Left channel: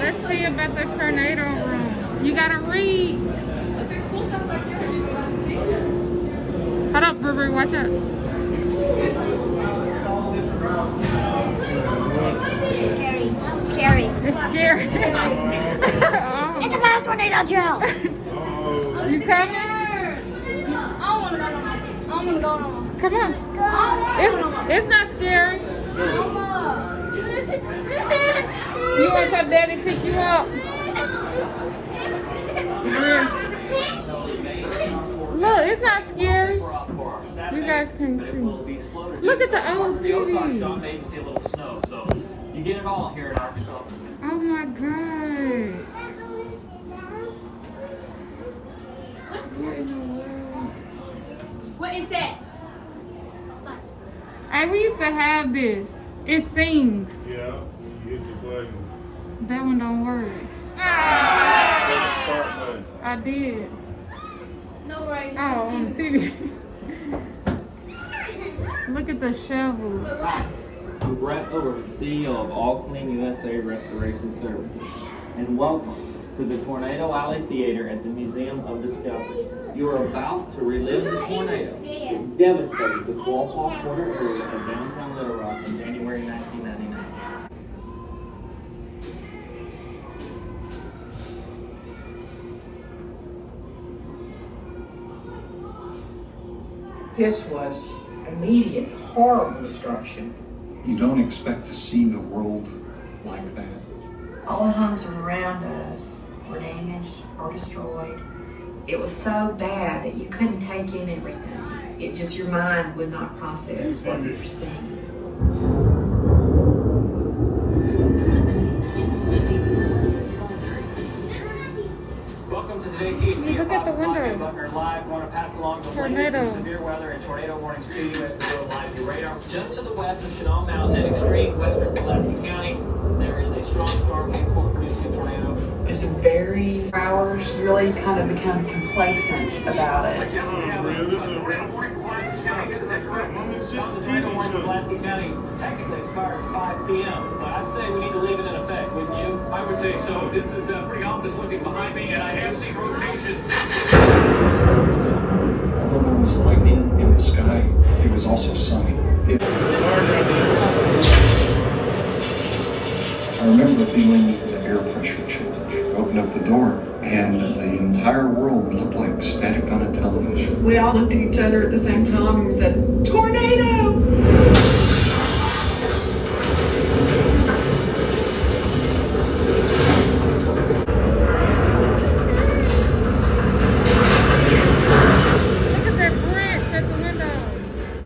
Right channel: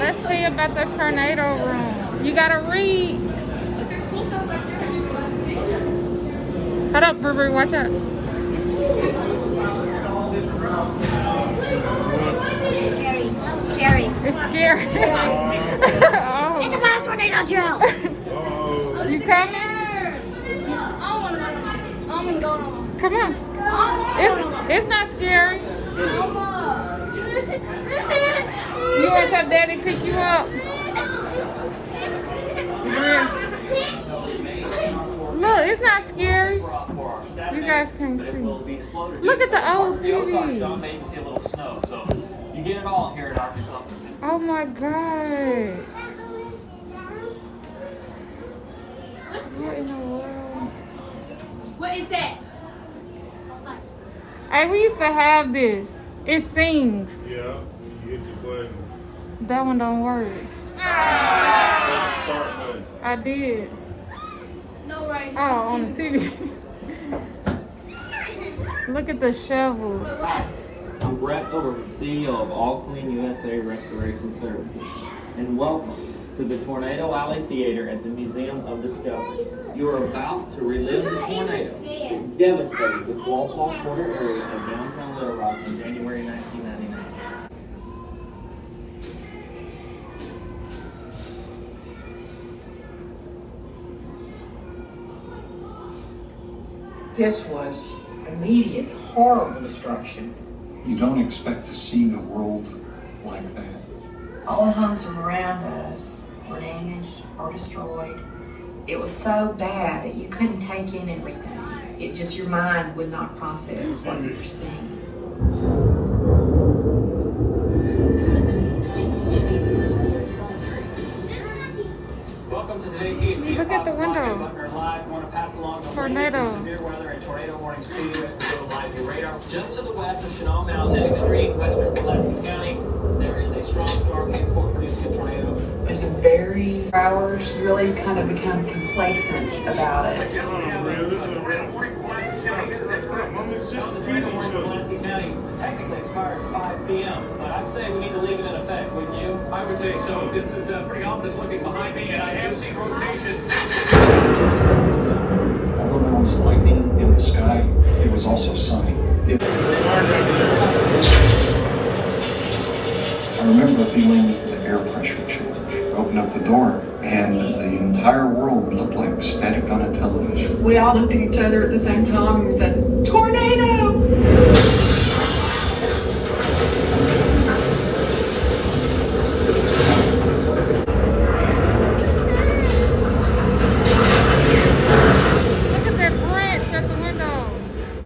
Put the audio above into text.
Let's see about the tornado room. You gotta read. Hold up, Burberry, watch out. It's scary. Scary. It's scary. Oh. It's about tornado drill. You can't. Come on. It's not scary. You want your daddy to pick you up? Look, it's not scary. You guys can see. Look at the old TV. Maybe see a little snow, so you get it all here in Arkansas. Oh my God. What in the world? What is that? Hey, we used to have this. It sings. Yeah, you hit the button. That one don't work. I did. No way. Oh, on the TV. Look at the shovels. I'm Brett Ford, CEO of All Clean USA Restoration Services, and welcome to the Tornado Alley Theater at the Museum of Discovery. You are about to relive the tornado that devastated the Qualpall Corner area of downtown Little Rock in January 1999. This was immediate, horrible destruction. You don't expect to see the world like that. All the homes around us were damaged or destroyed. It was so bad that you couldn't take in everything. It just, your mind would not process what you were seeing. Welcome to today's TSP. Look at the window. Live. Want to pass along the latest in severe weather and tornado warnings to you as we go live to radar. Just to the west of Chenal Mountain in extreme western Pulaski County, there is a strong storm capable of producing a tornado. It's very hours, you really kind of become complacent about it. This is real. This is real. Mommy's just a TV show. Pulaski County technically expired at 5 p.m., but I'd say we need to leave it in effect, wouldn't you? I would say so. This is pretty ominous looking behind me, and I have seen rotation. Although there was lightning in the sky, it was also sunny. I remember feeling the air pressure change. Opened up the door, and the entire world looked like static on a television. We all looked at each other at the same time and said, "Tornado!"